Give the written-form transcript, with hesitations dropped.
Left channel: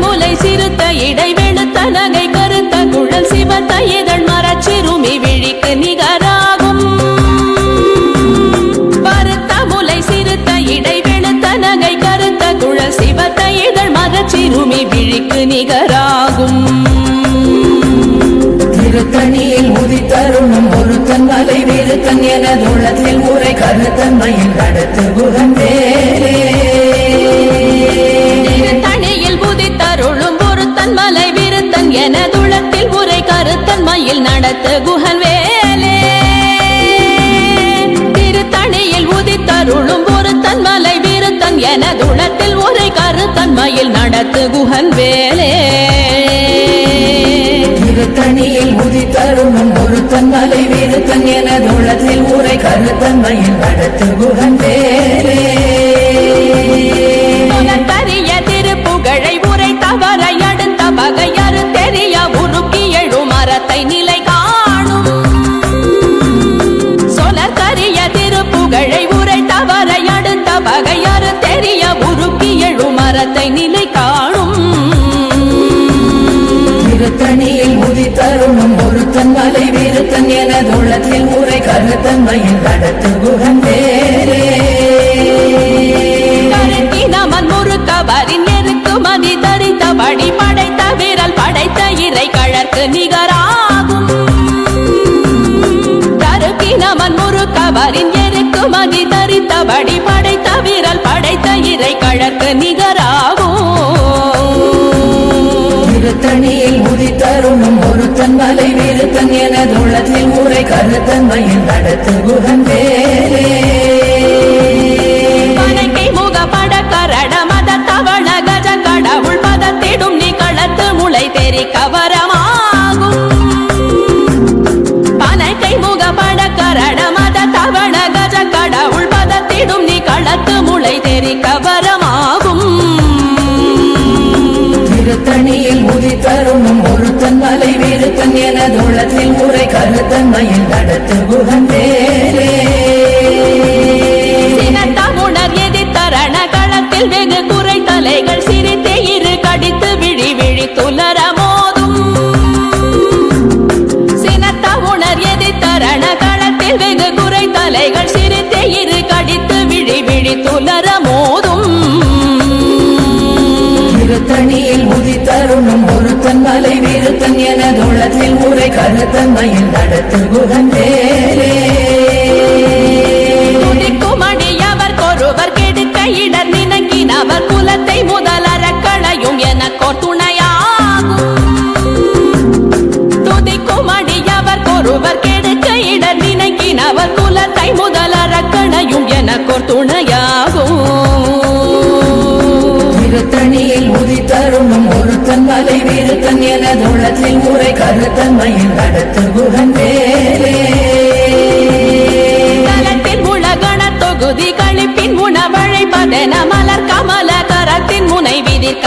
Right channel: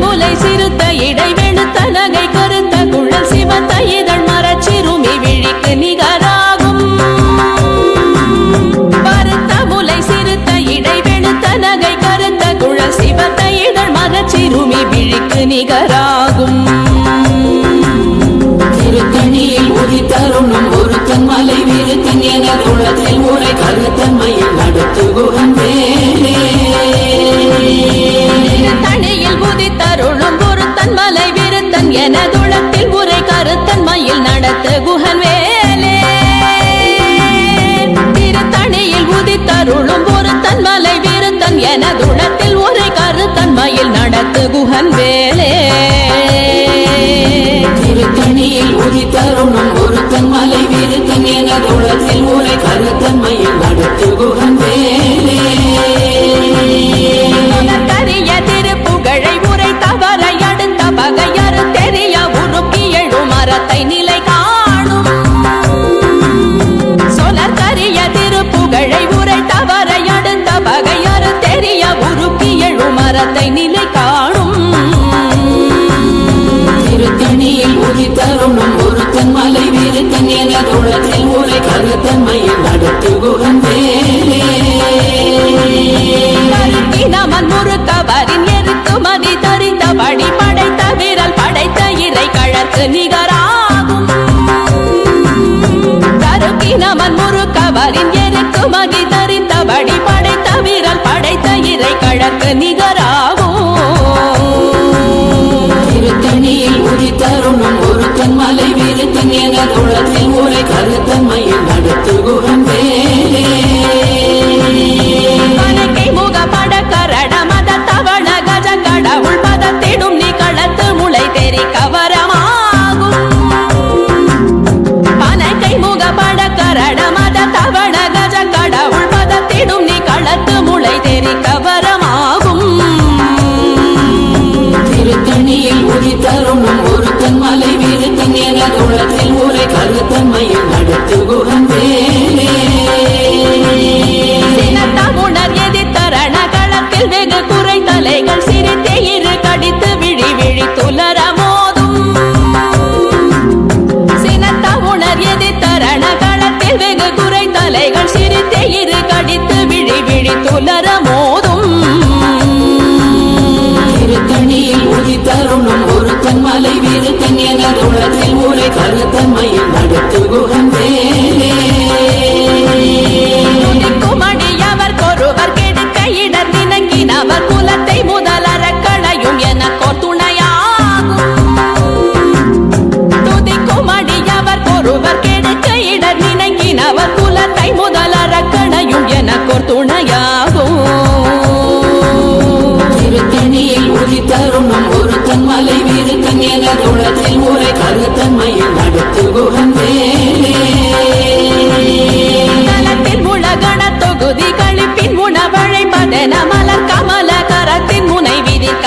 முலை சிறுத்த இடை வெளுத்த நகை கருத்த குழல் சிவத்த இதழ் மரச்சிறுமி விழிக்கு நிகராகும் பருத்த முலை சிறுத்த இடை வெளுத்த நகை கருத்த குழல் சிவத்த இதழ் மரச்சிறுமி விழிக்கு நிகராகும் திருத்தணியில் உதித்தருளும் ஒருத்தன் மலை விருத்தன் எனது உள்ளத்தில் உரை கருத்தன்மையில் நடத்து குகன் வேலே திருத்தணியில் உதித்தருளும் ஒருத்தன் மலை விருத்தன் எனதுளத்தில் உரை கருத்தன்மையில் நடத்து குகன் வேலே திருத்தணியில் உதித்தருளும் ஒருத்தன் மலை விருத்தன் எனதுளத்தில் உரை கருத்தன்மையில் நடத்து குகன் வேலே திருத்தணியில் உதித்தருளும் ஒருத்தன் மலை விருத்தன் எனது உள்ளத்தில் உரை கருத்தன்மையில் நடத்து குகன் வேலே கரிய திருப்புகழை உரை தவறை அடுத்த பகையறு தெரிய உருக்கி எழும் மரத்தை நிலை காணும் சொலற்கரிய திருப்புகழை உரை தவறை அடுத்த பகையறு தெரிய உருக்கி எழும் மரத்தை நிலை காணும் திருத்தணியில் உதித்தருளும் ஒருத்தன் மலை விருத்தன் எனது உள்ளத்தில் உரை கருத்தன்மையில் நடத்து குகன் வேலே நமன் முறுக்கவரின் எருக்கு மதி தரித்தபடி படைத்த விரல் படைத்த இறை கழற்கு நிகராகும் தருக்கி நமன் முறுக்கவரின் எருக்கு மதி தரித்தபடி படைத்த விரல் படைத்த இறை கழற்கு நிகராகும் திருத்தணியில் உதித்தருளும் ஒருத்தன் மலை விருத்தன் எனது உள்ளத்தில் உரை கருத்தன்மையில் நடத்து குகன் வேலே முகப்பட கரட மத தவள கஜ கடவுள் பதத்திடும் நீ களத்து முளை தெரி கவரமாகும் பனைக்கை முகப்பட கரட மத தவள கஜ கடவுள் பதத்திடும் நீ களத்து முளை தெரி கவரமாகும் திருத்தணியில் உதித்தருளும் ஒருத்தன் மலை விருத்தன் எனது உள்ளத்தில் உரை கருத்தன்மையில் நடத்து குகன் வேலே உணர் எதிர்த்தரண களத்தில் வெகு குறை தலைகள் சிரித்தே இரு கடித்து விழி விழி துலர மோதும் சினத்த உணர் எதிர்த்தரண களத்தில் வெகு குறை தலைகள் சிரித்தே இரு கடித்து விழி விழி துலர மோதும் திருத்தணியில் உதித்தருளும் ஒருத்தன் மலை விருத்தன் எனது உள்ளத்தில் உரை கருத்தன்மையில் நடத்து குகன் வேலே துதிக்குமடியவர் கொருவர் கெடுக்க இடர் நினைக்கினவர் குலத்தை முதலற களையும் எனக்கோர் துணையாகும் துதிக்குமடியவர் கொருவர் கெடுக்க இடர் நினைக்கினவர் குலத்தை முதலற களையும் எனக்கோர் துணையாகும் திருத்தணியில் உதித்தருளும் ஒருத்தன் மலை விருத்தன் எனது உள்ளத்தில் உரை கருத்தன்மையில் நடத்து குகன் வேலே உலகண தொகுதி கழிப்பின் உணவழைப்பதென மலர் கமல கரத்தின் முனை விதிர்க்க